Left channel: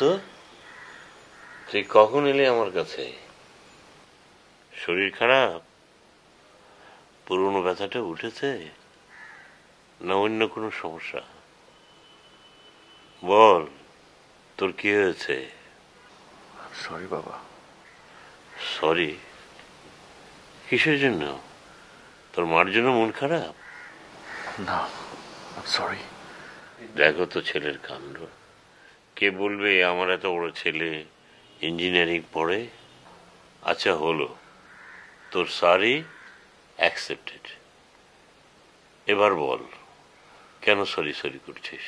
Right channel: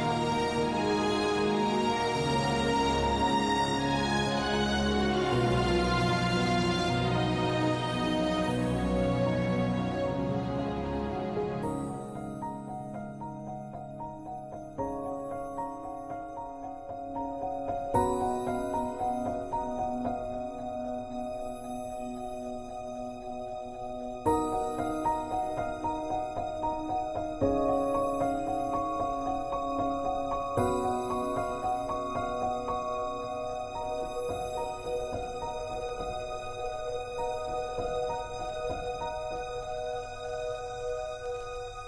তো তুই কখন এলি আমার কাছে? শরীর খারাপ? পুরনো ব্যথাটা উঠেছে না অন্য কোনো সমস্যা? বল, তোর কি হয়েছে? সরি বাবা। সরি? কিসের জন্য? তোর মার জন্য মন খারাপ? না, সরি। দেখো তো ছেলের কাণ্ড। কে বলবে আমার এত বড় ছেলে ইঞ্জিনিয়ারিং পড়ে? আচ্ছা হলো, তোর সরি অ্যাকসেপ্টেড। এবার বল, কেন সরি সরি করছিস?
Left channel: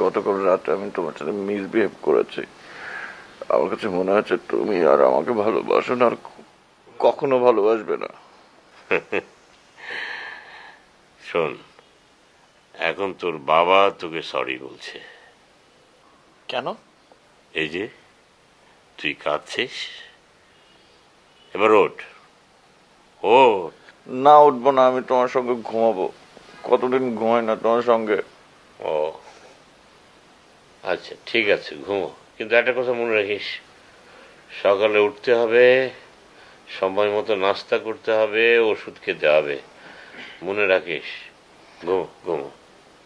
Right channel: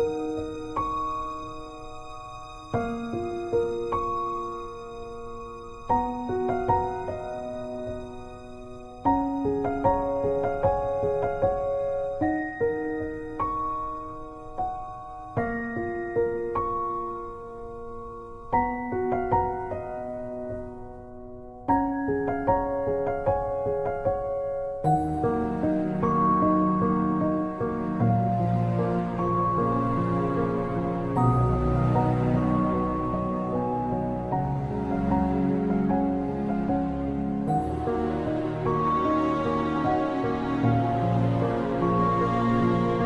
গতকাল রাতে আমি তোমার সাথে মিসবিহেভ করেছি। আমার কাছে মনে হচ্ছে তুমি আর আমাকে ভালোবাসো না, আর কখনো ভালোবাসবে না। শোন, এখন তোর বাবা তোকে সরি বলছে। কেন? এই যে তুই কাঁদছিস, এবার ওঠ। ও না, উঠবো না। আমি তোমার সঙ্গে ঘুমাবো। কতদিন ঘুমাই না তোমার সঙ্গে। ও আচ্ছা, ঠিক আছে ঘুমো, কিন্তু একটা কথা মনে রাখিস, সকালে উঠতে হবে, সময় মতো নাস্তা করতে হবে, ওষুধ খেতে হবে, মনে রাখিস। ঘুমো ঘুমো,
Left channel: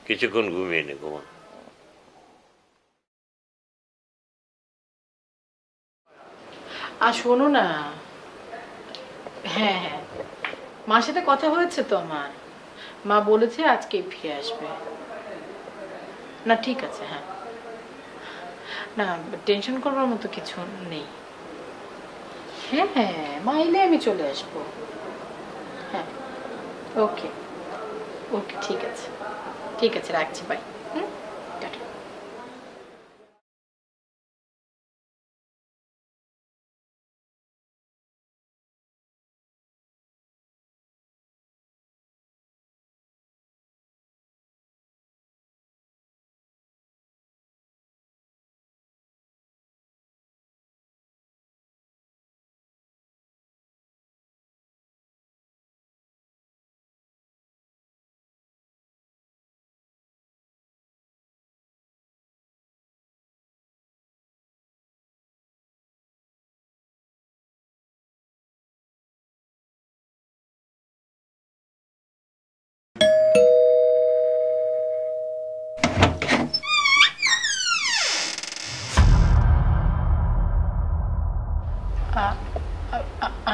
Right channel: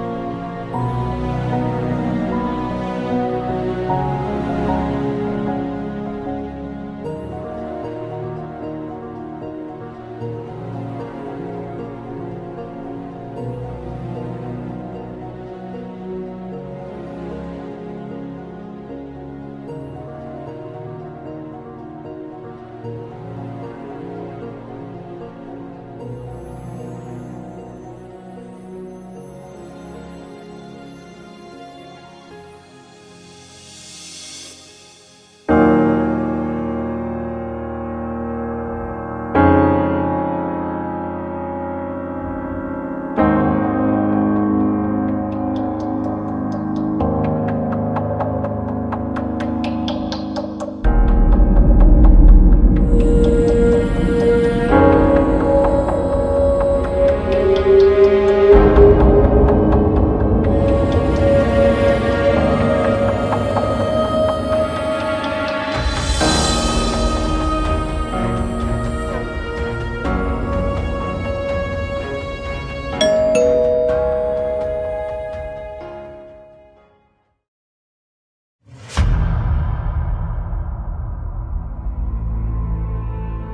কিছুক্ষণ ঘুমিয়ে নেব। আর শোনো না, হ্যাঁ হ্যাঁ, মার সাথে কথা হয়েছে তো আমার। মা বলেছে আজকে ফিরে আসবে। না ঠিক আছে, হ্যাঁ, না টেনশন করবার মতো কিছু নেই। হ্যাঁ হ্যাঁ, মা এলে আমি চলে আসবো। হ্যাঁ, ওকে ওকে, ঠিক আছে ঠিক আছে, রাখছি, বাই।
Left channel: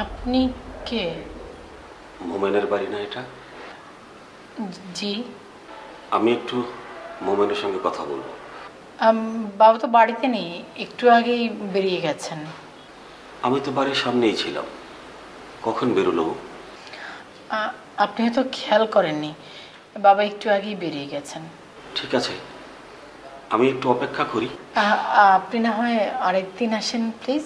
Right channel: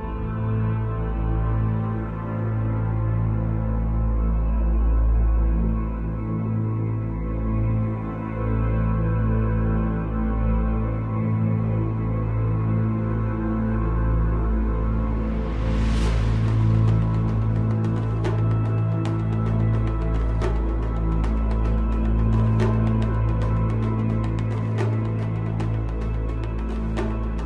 আপনি কে? মোমেনের বাড়ি না এটা? জি। আমি একটু মোমেনের সঙ্গে কথা বলবো। বাবা তো বাড়িতে নেই, একটু আগেই বেরিয়ে গেছেন। আমি তো বাড়ির সামনেই ছিলাম, কখন বেরোলো? আপনি হয়তো খেয়াল করেননি, বাবা একটু আগেই বেরিয়ে গেছেন। ঠিক আছে, আমি একটু অপেক্ষা করি। আপনি না হয় আরেকদিন আসেন প্লিজ।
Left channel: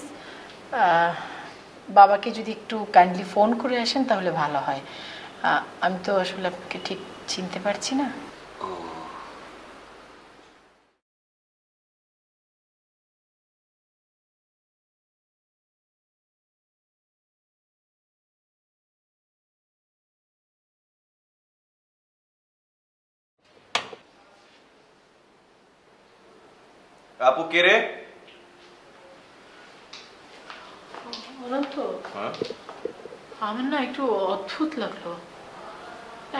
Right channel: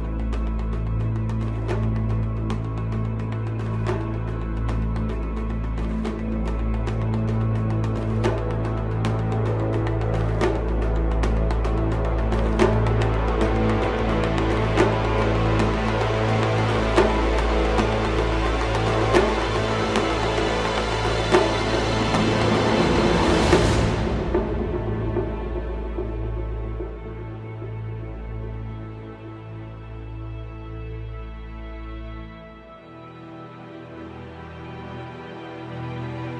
বাবাকে যদি একটু কাইন্ডলি ফোন করে আসেন তাহলে ভালো হয়। আমি তো আসলে আপনাকে ঠিক চিনতে পারছি না। আপু কে রে? আমার না একটু অদ্ভুত লাগলো,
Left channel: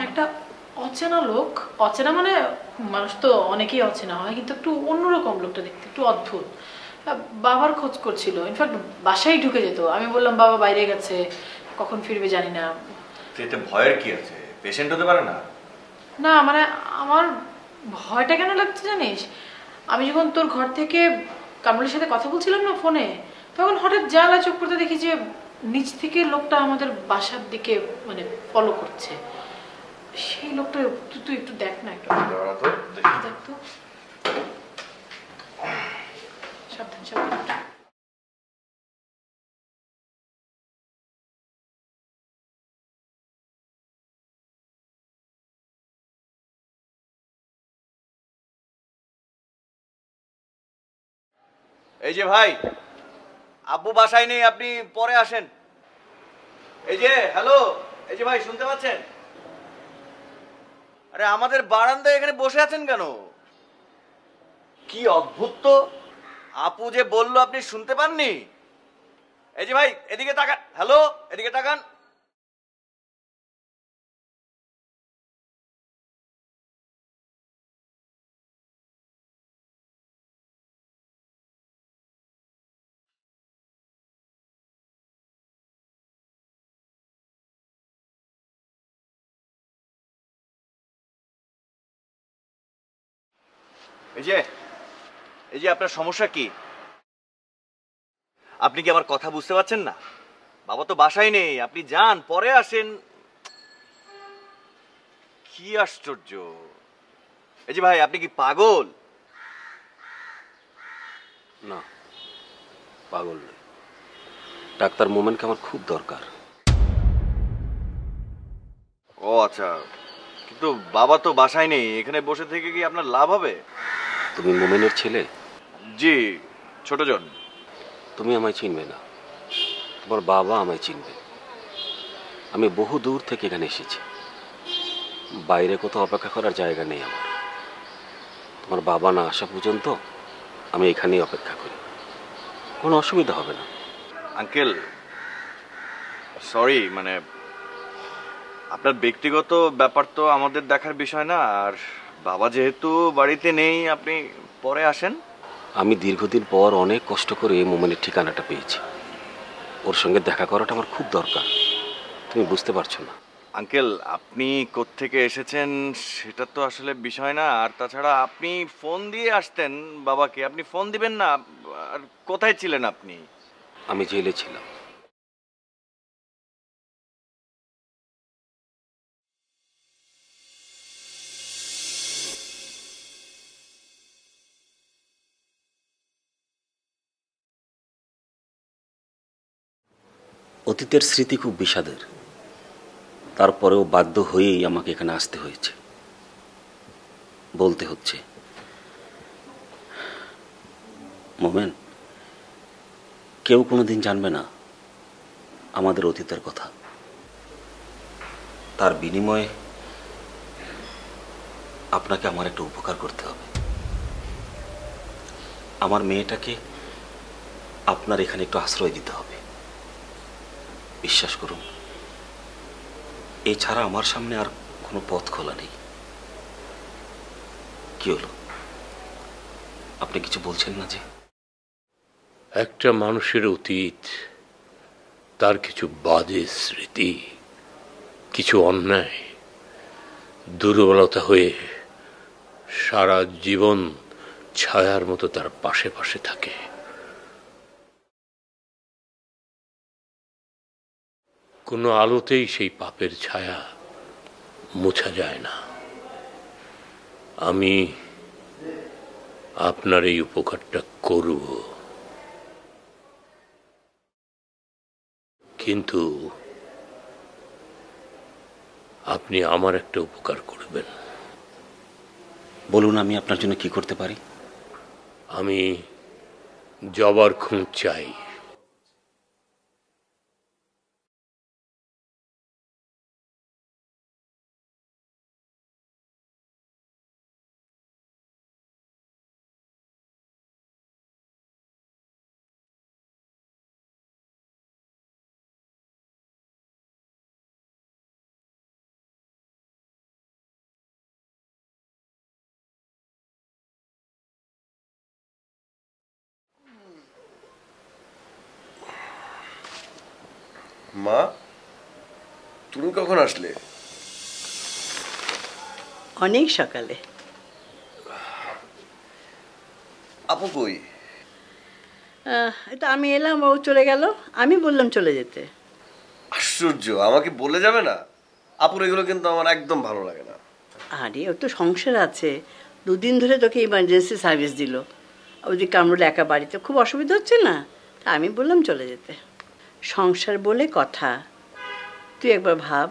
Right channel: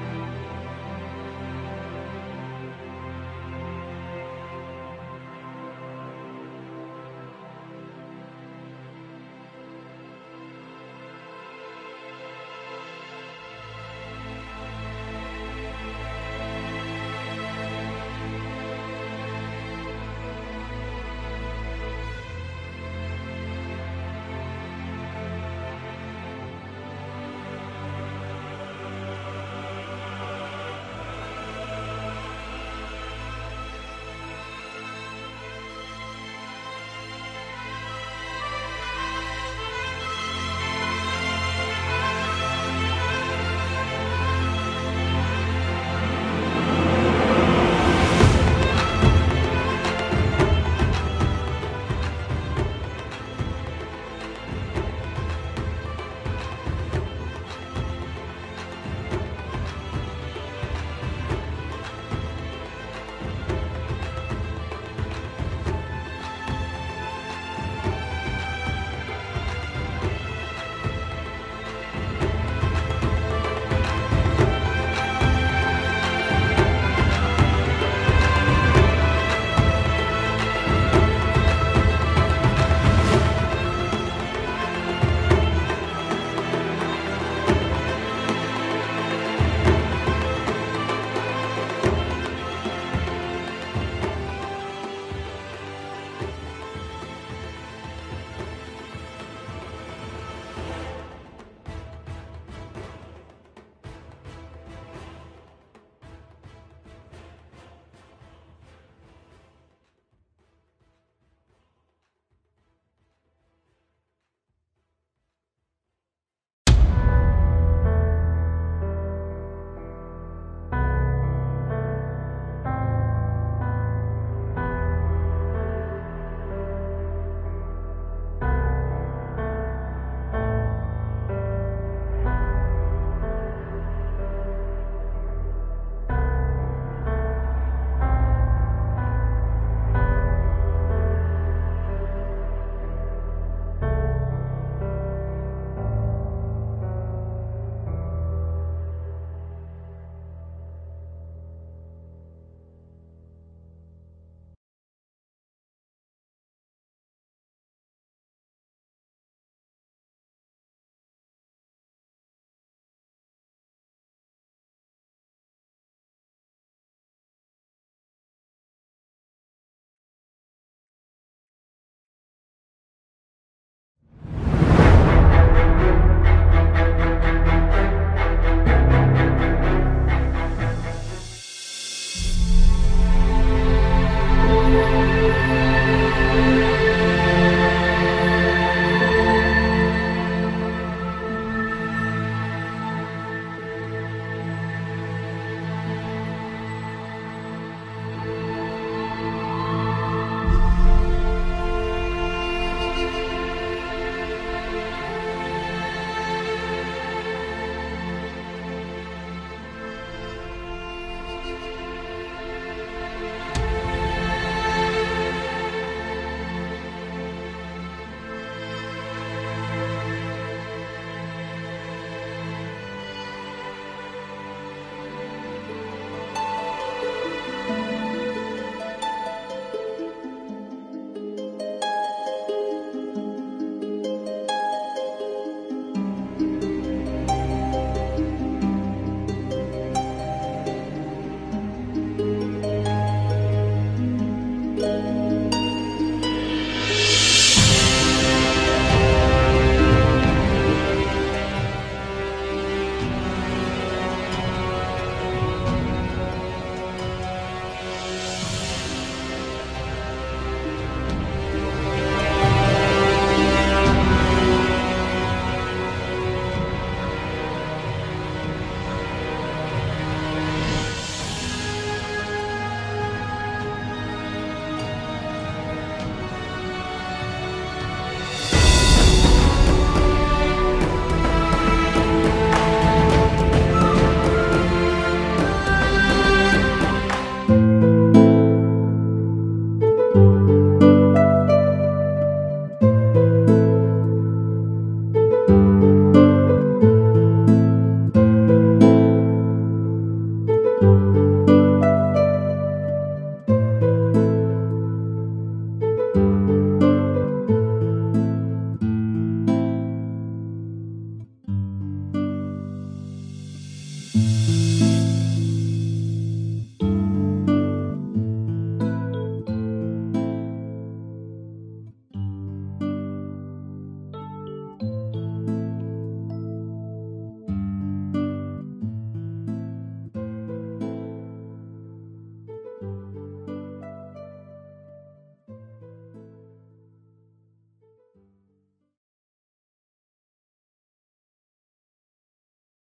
একটা অচেনা লোক। অচেনা মানে মানুষ তো অনেকেই অচেনা হয়, কিন্তু একটু অন্যরকম লোকটা দেখতে, একটু অদ্ভুত। বাবার খোঁজ করছিল, ইনফ্যাক্ট বাসায় ঢুকে যেত। আমি বললাম বাবা বাইরে গেছে, কখন ফিরবে জানি না। এতে ভয়ের কি আছে? পেশেন্ট হতে পারে না? না মানে আমার ভয়টা কেন লাগছে জানিস, আমি যখন তোর ঘর থেকে কামরুলের সাথে কথা বলছিলাম না ফোনে, তখন হঠাৎ জানলা চোখ করতে দেখি যে নিচ থেকে লোকটা আমাদের বাসার দিকে মানে ফলো করছে। সেই লোকটা তুই একটু দেখ না। এই যে ভাই, আপু বাসায় নেই, আপনি পরে আসেন। এই যে হ্যালো, এই যে ভাই শুনতে পাচ্ছেন? আরে আমাদের বারান্দায় এখানে বসে আছেন কেন? কি কি অদ্ভুত তো, আপু যে বললো আপনি শুনতে পাননি? এই যে ভাই এদিকে তাকান, হ্যালো এদিকে তাকান। এই যে আপনার সমস্যা কি? আপনি কি আমার কথা বুঝতে পারছেন না? আমার তো বাসায় নেই, আপনি যান পরে আসেন। কি আশ্চর্য! এই যে ভাই আপনি কি পাগল? না, পাগল নই। ডাক্তার মোমেনকে আমার খুব দরকার। ও আচ্ছা, কিন্তু বাবা তো বাসায় নেই, এখানে বসে থেকে কি আপনার লাভ হবে? তুমি মোমেনের ছেলে? জি, ছোট জন। তুমি আমায় চিনবে না, তোমার বাবা আমায় চিনবে। আমি বহু দূর থেকে এখানে এসেছি, বাইরে কোথাও অপেক্ষা করার জায়গা নেই আমার। তোমার বাবা না আসা পর্যন্ত আমি এখানেই অপেক্ষা করি, কোনো অসুবিধা হবে না। আঙ্কেল সরি, মানে আপনার ব্যক্তিগত ব্যাপার তো আমাদের দেখার বিষয় না। আর বাবা যেহেতু বাড়িতে নেই, আপনি পরে আসেন। আমি দীর্ঘদিন পর অনেক কষ্ট করে মোমেনের ঠিকানাটা পেয়েছি, ওর সঙ্গে দেখা করাটা আমার খুব দরকার। তুমি বুঝতে পারছো না। আঙ্কেল আপনি কোত্থেকে এসেছেন সেটা তো আসলে বিষয় না। আর তাছাড়া আপনি ফোন দিয়ে আসতেন বাবাকে, আপনি ফোন দিবেন না? আর কোথায় ছিলেন আপনি? আমি জেলে ছিলাম। অতীতের স্মৃতি খুব বিষাদের, তারপরেও বাধ্য হয়েই আমাকে এখানে আসতে হয়েছে, বলতে হচ্ছে। মোমেন, কেউ কোনোদিন জানবে না আমাদের অতীতের কথা। তার বিনিময়ে আপনাকে আমার একটা উপকার করতে হবে। আমার মেয়েটাকে আপনার এখানে একটু আশ্রয় দিতে হবে। বিশ্বাস করুন, এছাড়া আমার সামনে আর কোনো পথ খোলা নেই। কি হলো, আপনি কিছু বলছেন না যে? একটা মানুষের অতীত, তার কিছু বাজে স্মৃতি, কিছু অন্যায়, দুর্বলতা হয়ে সারা জীবন ছায়ার মতো তার পাশে পাশে থাকে। কোনো আলোতেই সেই পাপের ছায়া মোছা যায় না। আমি আপনার এই উপকারটা করব, কিন্তু আপনি আমার একটা উপকার করবেন। বলুন, আমি আপনার জন্য কি করতে পারি? আমি জবার খুন চাই। মা, তুমি কখন আসলে? অনেক সকালে। আপু কই? তা আমি এলাম, ও চলে গেল। আমি বললাম চলে যেতে। আশ্চর্য, আমাকে বলে যাবে না? আপুর এগুলো কিন্তু আমার একদম ভালো লাগে না। আরে ওর তো সংসার আছে, 2 দিন ধরে তোকে ইমার্জেন্সি সার্ভিস দিল। ওই কামরুল একা বাড়িতে, খুব অসুবিধা হচ্ছে না? তা আমি বললাম চলে যেতে। সংসার বলে কথা। তুই একবার ভাব,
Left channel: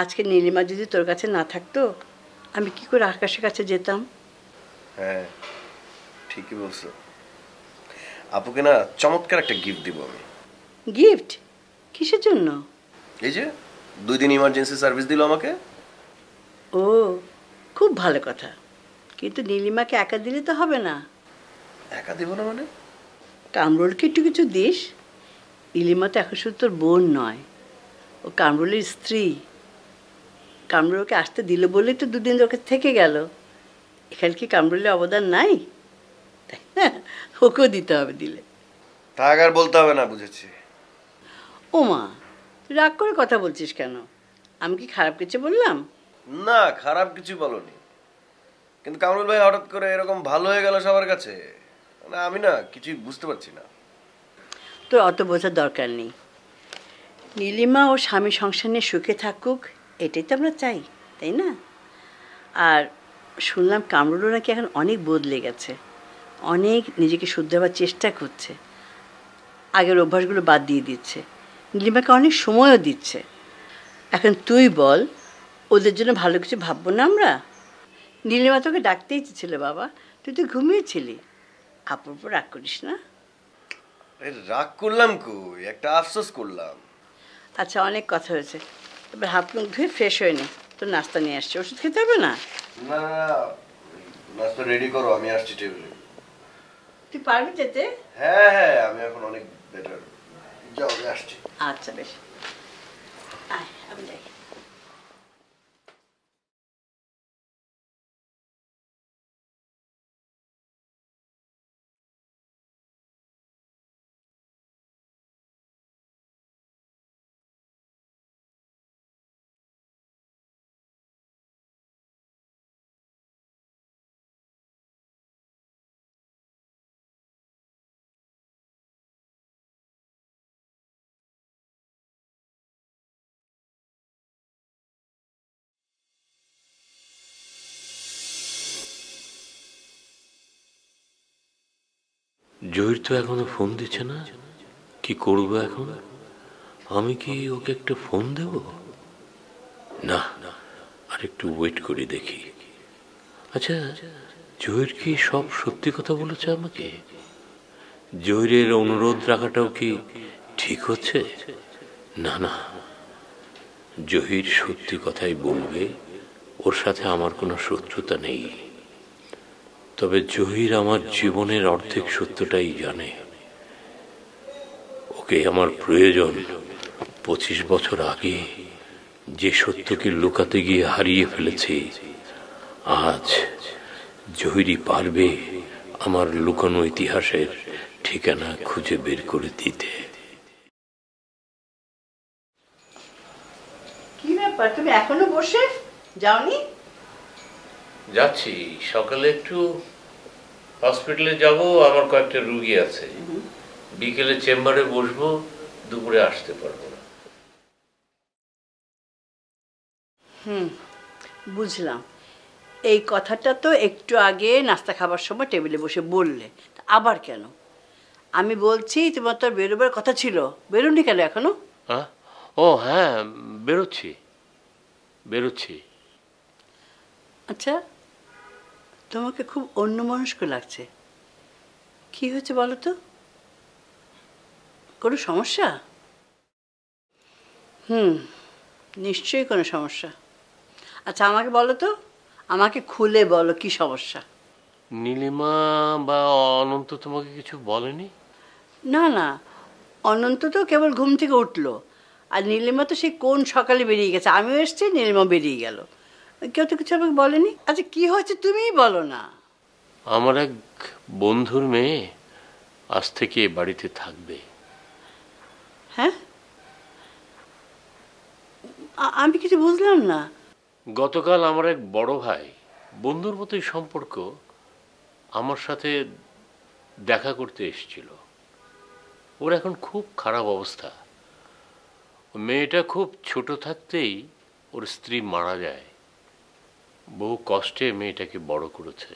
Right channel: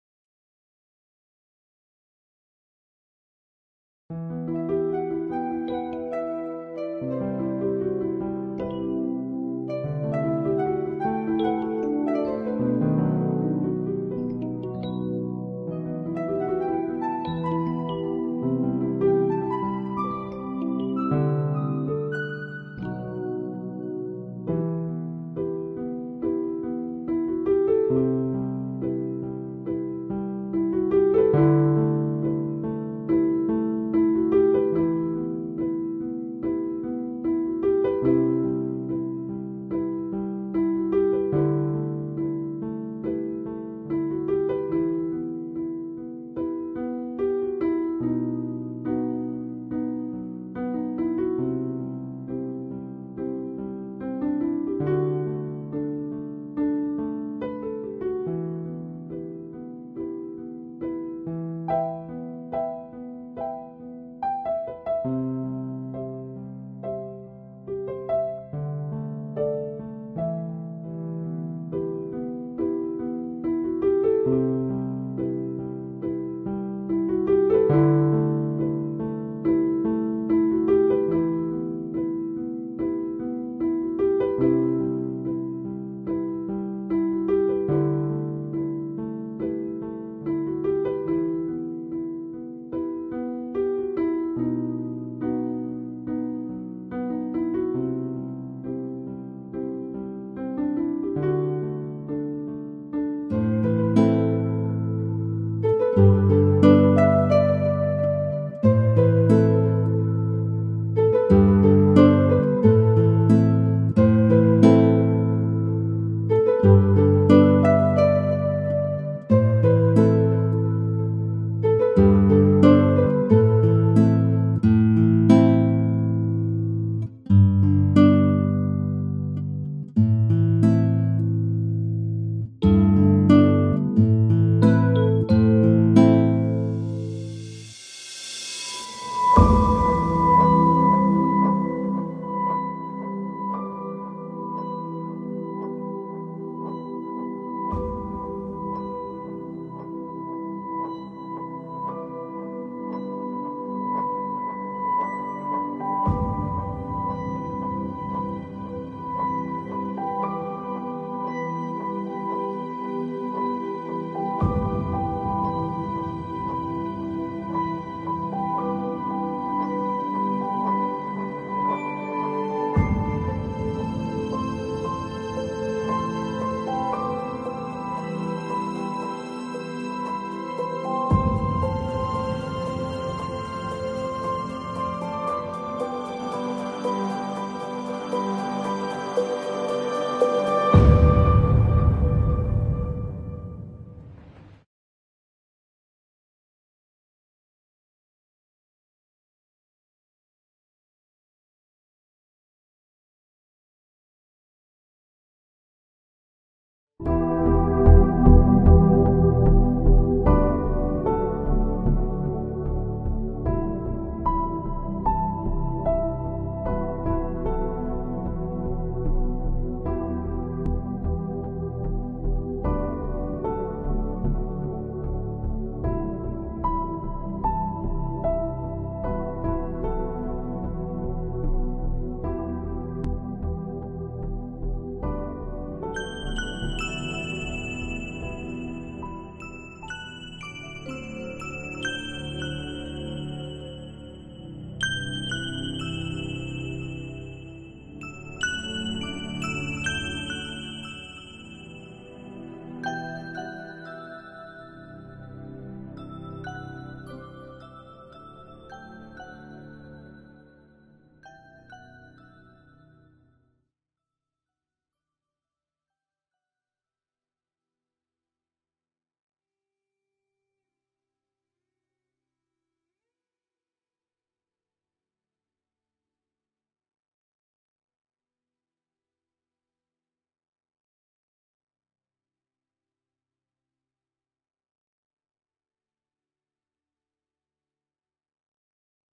আজকে নীলিমা যদি তোর কাছে না থাকতো, আমি কি করে আকাশের কাছে যেতাম? হ্যাঁ ঠিকই বলছো। আপুকে না চমৎকার একটা গিফট দিব আমি। গিফট? কিসের জন্য? এই যে 2 দিন ইমার্জেন্সি সার্ভিস দিল আমাকে। ও, খুব ভালো কথা, কিন্তু নীলিমাকে একা দিলে তো হবে না, একা দেবো না মানে? কামরুলকে একটু কিছু দিস। নীলিমা তো এখন শুধু তোর বোন নয়, ও কামরুলের স্ত্রী। কামরুলকে আসতে দিল বলেই তো দুদিন ওকে থেকে গেল। এখানে কি কামরুলের অবদান নাই? ওকেও দিতে হবে দিলে। থাক, আর বলতে হবে না, বুঝেছি। ওমা, রাগ করে কথা বলছিস কেন? আমি কি খারাপ কিছু বললাম? না, খারাপ কিছু বলনি, কিন্তু কামরুল ভাই হঠাৎ করে এরকম ভালো হয়ে গেল সবার কাছে, না আমি না কিছুই বুঝতে পারছি না। তোর অত বোঝার দরকার নেই। নীলিমা ও স্বামী সংসার নিয়ে সুখে থাকুক, এটাই তো আমরা চাই, তাই না? আর শুনলাম কামরুলও নাকি এখন অনেক বদলে গেছে, অনেক নিজেকে শুধরাবার চেষ্টা করছে, আগের অভ্যাসগুলো বাদ দিয়ে দিচ্ছে, নীলিমাকে অনেক সময়ও দিচ্ছে। এখন তুই বল, ওদের জন্য ভালো কিছু ভাববো না আমরা? নীলিমা তোকে ডাকতে ইচ্ছেছিল বাবা, তুই তো ঘুমিয়েছিলি। আপুর উপর রাগ করিস না। রাগ করলাম কই, একটা আফসোস করলাম। আচ্ছা, অনেক কথা হয়েছে, এবার হাত মুখ ধুয়ে ফ্রেশ হয়ে নে। তোর নাস্তা নিয়ে আসছি, ওষুধ খেতে হবে না? না না না, নাস্তা রেডি করো, আমি আসছি টেবিলে। তুই পারবি যেতে? হ্যাঁ হ্যাঁ, আমি এখন অনেক বেটার। যাও, আমি আসছি। আচ্ছা বেশ, আয়, আমি যাই। জহির তো এখনো ফোন দিচ্ছে না, কি করবো এখন? আমি কি ওকে একটা ফোন দেব? না, আর একটু ওয়েট করে দেখি। আচ্ছা, জহির কি সব সত্যি কথা বলেছে আমাকে? জহিরের অনুরোধ রাখাটাও কি ঠিক হচ্ছে? না না, জহির সত্যি কথাই বলবে, ওর সাথে আমার কোনো শত্রুতা নেই। তবে জহির আমার জীবনের অর্ধেক সত্যটাই জানে। ওকে আমার প্রয়োজন 25 বছর আগে যে সত্যকে লুকাতে গিয়ে হারিয়ে ফেলেছি। আজ জহিরই পারবে আমার লুকানো ইতিহাসের ঠিকানা খুঁজে বের করে দিতে। কি ব্যাপার, তুমি এখনো বসে যাওনি? যাচ্ছি, সকালে একটু হসপিটালে যাব, আমার কয়েকটা রুগী আছে। বিকেলে চেম্বারে বসবো, দুপুরে আসতে পারবো না। বুঝলাম, এই কথাটা তো একটু আগে নাস্তা খাবার সময় টেবিলে বসে বললে, আবার কেন? আমি বলছি তোমার তো বেরোবার কথা ছিল, বেরোনি কেন এখনো? ও হ্যাঁ, বেরোচ্ছি বেরোচ্ছি। আচ্ছা, তোমাকে খুব অন্যমনস্ক লাগছে, কি হয়েছে বলো তো? কোনো সমস্যা? নিশ্চয়ই কোনো সমস্যা। আচ্ছা আমাকে বলো তো, আমাকে খুলে বলো কি সমস্যা। নীলিমা বা অনন্ত তোমাকে কিছু বলেনি? না না, অনন্ত তো কেবল ঘুম থেকে উঠলো, আর নীলিমা তো সেই কোন সকালে বেরিয়ে গেছে, আমিও এসছি, নীলিমা বেরিয়ে গেল, কেউ তো কিছু আমাকে বলেনি। আচ্ছা কি হয়েছে তুমিই বলো না। আমার এক বন্ধুর মেয়ে আজ থেকে বাড়িতে থাকবে। হ্যাঁ, আমি কিছু বুঝলাম না। গতকাল আমার এক বড় ভাই, বন্ধুর মতোই সম্পর্ক, আমার সাথে দেখা করতে এসেছিল। ওর এখন খুব খারাপ অবস্থা। মেয়েটা খুব ছোট থাকতেই ওর স্ত্রী মারা যায়। বহু কষ্টে মেয়েটাকে বড় করেছে,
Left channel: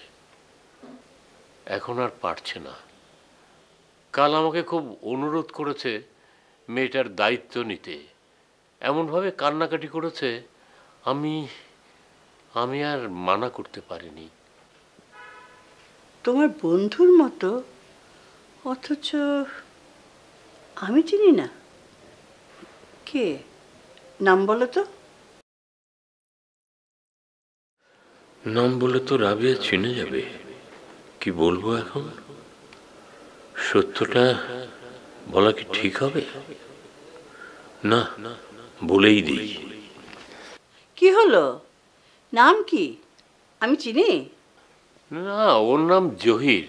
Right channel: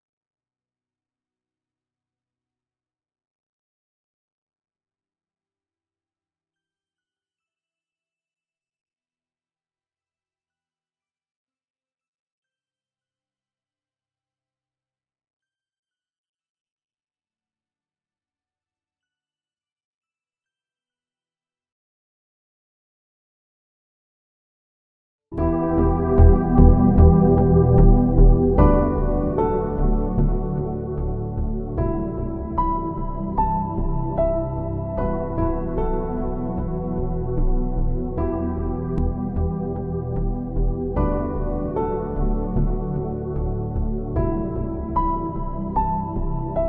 এখন আর পারছে না। কাল আমাকে খুব অনুরোধ করেছে মেয়েটার দায়িত্ব নিতে, এমনভাবে কান্নাকাটি করেছে, আমি আর মানা করতে পারিনি। তোমার বন্ধুর মতো, অথচ আমি চিনি না। কে, নাম বলো তো? নাম বলে তো রাবেয়া চিনে যাবে, কি বলবো এখন? সত্যটা বলা কি ঠিক হবে? না, বলেই দিই। কি হলো? নাম কি? আমি চিনি? না, ওর নাম জহির।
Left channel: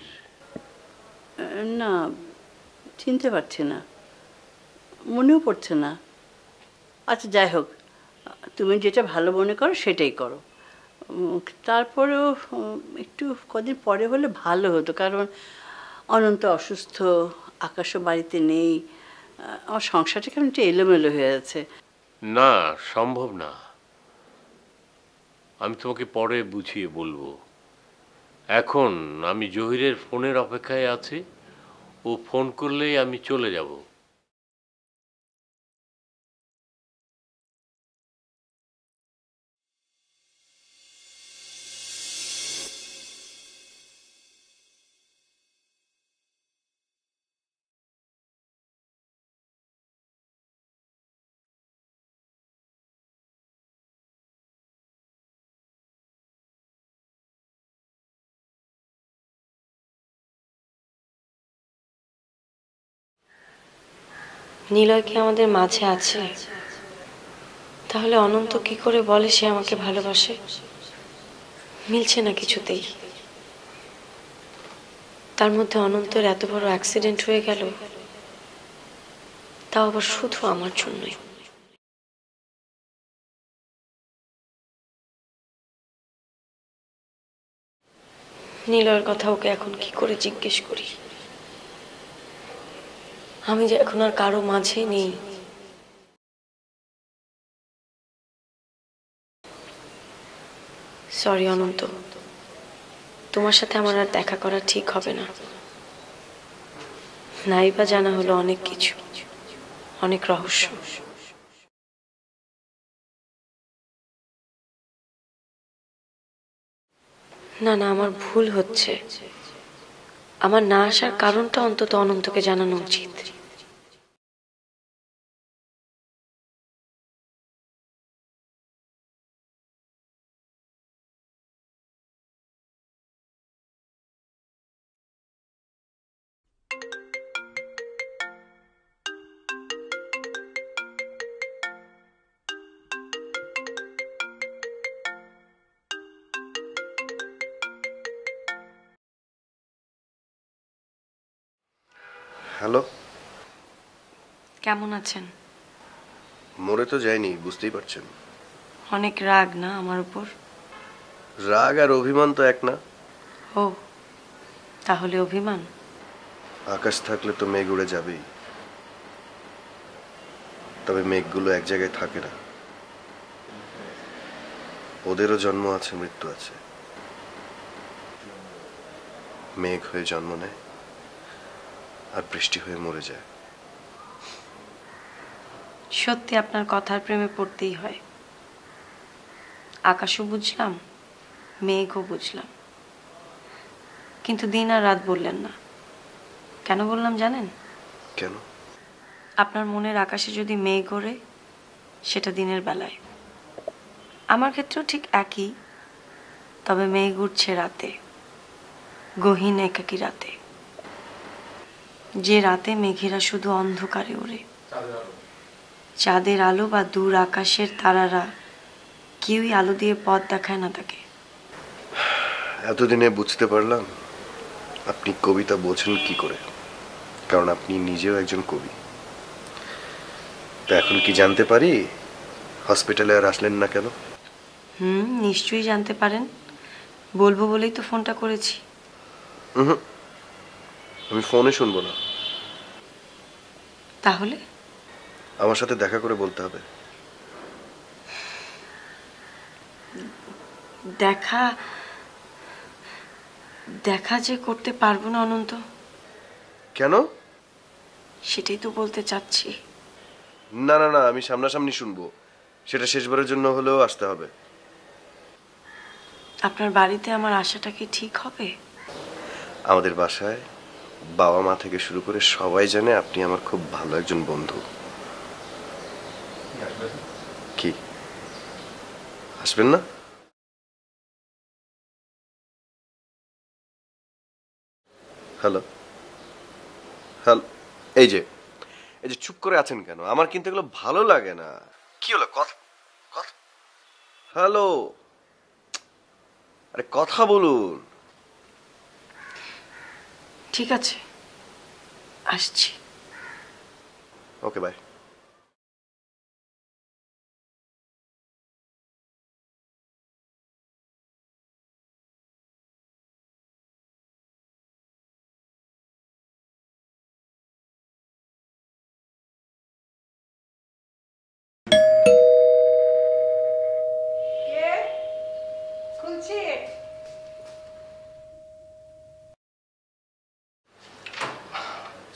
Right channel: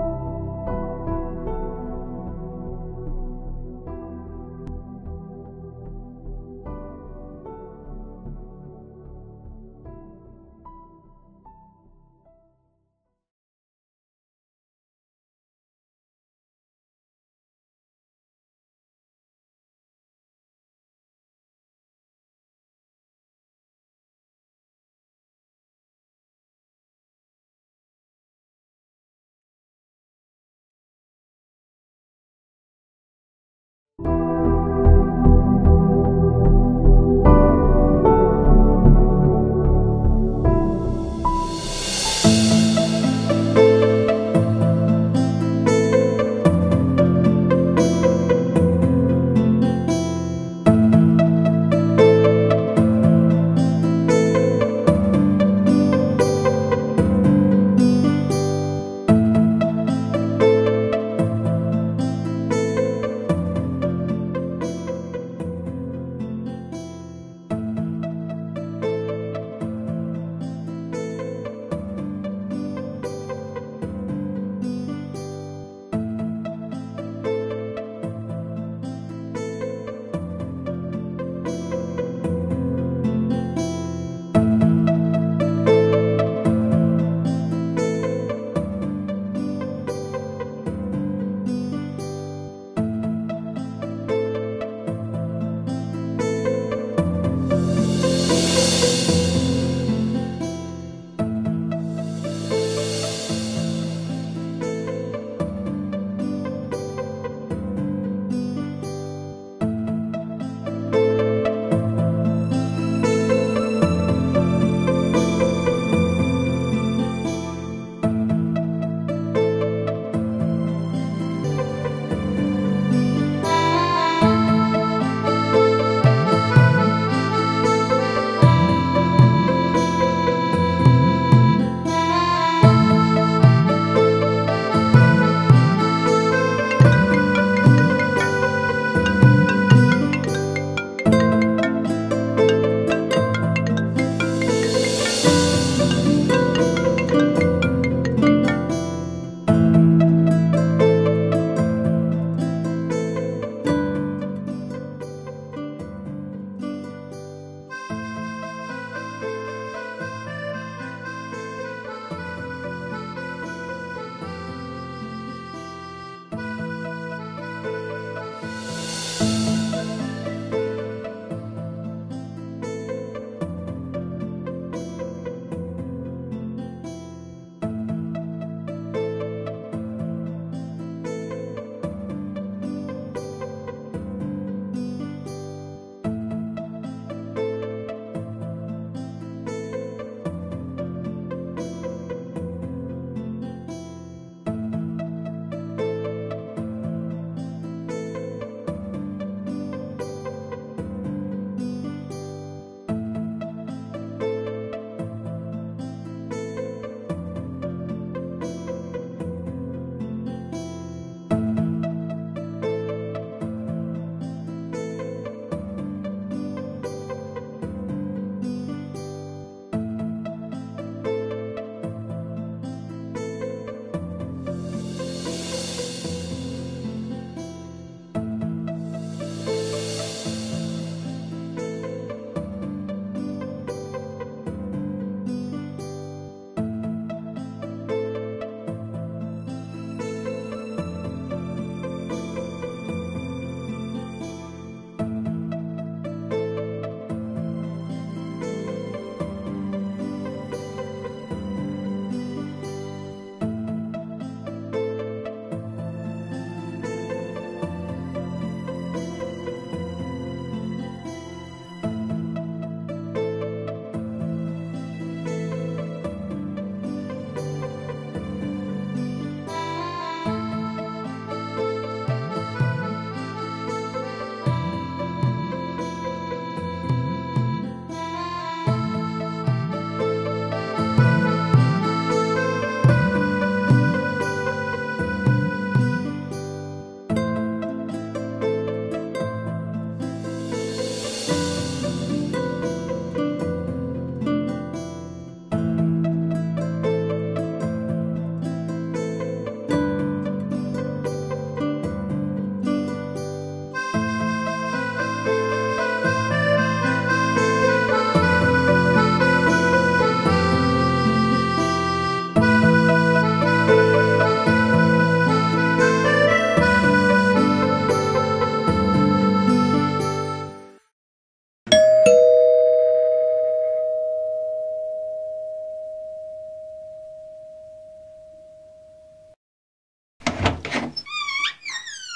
না, চিনতে পারছি না, মনেও পড়ছে না। আচ্ছা যাই হোক, তুমি যেটা ভালো মনে করো সেটাই করো। তারপরেও একটু কদিন পরে হলে ভালো হতো, কারণ অনন্ত অসুস্থ, আকাশও বাড়িতে নেই, আমার সংসারটা কেমন একটু এলোমেলো হয়ে আছে। না, সম্ভব না। আমি তোমাকে পরে বুঝিয়ে বলবো। এখন আমি জহিরের ফোনের অপেক্ষায় আছি, ও ফোন করলেই আমি চলে যাব। নিলয় কি আমাদের মাঝে আছে? তাহলে অনন্ত কি করে বলে সে আমাকে ভালোবাসে? মিলছে না কিছুতেই। তার মধ্যে অনন্তের এত বড় অ্যাক্সিডেন্ট হয়ে গেল, তাও আবার শুধু আমার জন্যই। নিলয়ের কথা ওকে এখন কি করে জিজ্ঞেস করি? আমি যে এখন আর কারো মাঝে নেই। সরি অনন্ত, তোমার সাথে আমার আর দেখা করা ঠিক হবে না। নাই বা জানা হলো অনেক কিছু, অনেক রহস্য। না না, আমার ভুল হচ্ছে। আমার না আসার কারণটা অন্তত অনন্তকে জানানো উচিত। কেমন আছেন? মরে তো যায়নি, বুঝতেই পারছেন। অনেক রাগ না আমার উপর? রাগ আর অভিমান তো এক না। ও, তাহলে অভিমান? আকাশ থাকলে তো মেঘ উড়ে যাবে, তবে মেঘগুলো এক জায়গায় থাকে না। ওদেরও জন্ম আছে, মৃত্যু আছে। মেঘ হয়ে জন্ম নেয় আর বৃষ্টি হয়ে মরে যায়। সত্যি আপনার কথার প্রেমে পড়তেই হয়। আকাশও বুঝলাম, মেঘও বুঝলাম, কিন্তু দিন আর রাত বললেন না। কেন বললাম জানেন? কেন? আপনার মনের আকাশে যদি মেঘ ওড়ে, সেটা দিনের বেলায়। আমার ক্ষেত্রেও ঠিক একই, তবে মেঘ উঠছে রাতে, গহীন একাকী রাতে, যে রাতে মেঘেরা শুধু অন্ধকারে ওড়ে। চাঁদের আলো বা দূর আকাশের তারারা কেউই আলো দিয়ে পথ দেখায় না তাকে। এতদিনে বুঝতে পারলাম আপনি কবিতা বোঝেন কি করে, কারণ আপনি নিজেও একজন কবি। তো এখন কি জানতে পারি হসপিটালে আর আসলেন না কেন? নিশ্চয়ই জানতে পারেন, বলবো বলেই তো ফোনটা করেছি। আমি ফোনে শুনবো না। তাহলে আমার সাথে দেখা করে বলতে হবে। দেখা দেখা যে করতে পারবো না অনন্ত। কেন? সেটাই তো বলতে চাচ্ছি। না না না, আমি সামনাসামনি শুনবো, সেটা শেষবারের জন্য হলেও আসতে হবে। আপনার বাড়িতে আমার আশাটা কি ঠিক হবে? আমাদের বাসায় বাবা মা থেকে শুরু করে সবাই জানে আপনি আমার খুব ভালো একজন বন্ধু। কি আসবেন না? হ্যালো হ্যালো, এই যে চুপ করে আছেন কেন? আমার কিন্তু এগুলো ভালো লাগে না। কি হলো? কথা হ্যালো, আরে কথা বলুন। ঠিক আছে, আসছি। ওকে, বাই।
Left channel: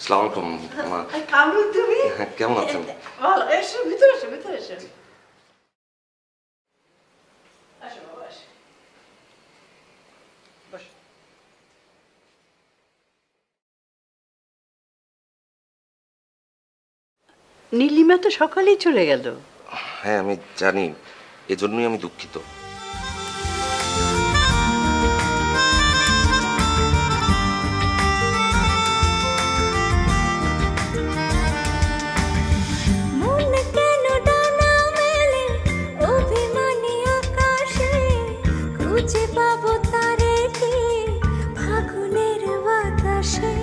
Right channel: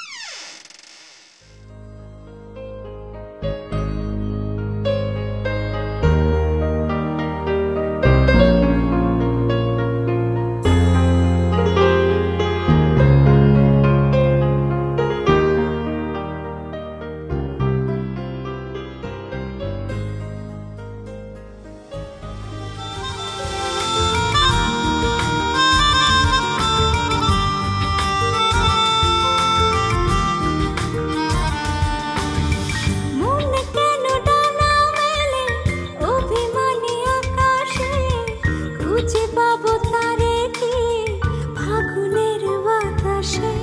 আসসালামু আলাইকুম মা। কামরুল, তুমি হ্যাঁ, কেমন আছেন? ভালো, এসো ভিতরে, এসো ভিতরে, এসো। নীলিমা তো সকালেই চলে গেল। হ্যাঁ আমি জানি, এজন্যই আমি দুঃখিত। মন কেন ডানা মেলে অভিমানী আকাশে, খুঁজে পাবো তারে কি ফাগুনের বাতাসে,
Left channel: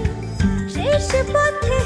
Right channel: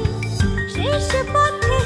শেষ পথে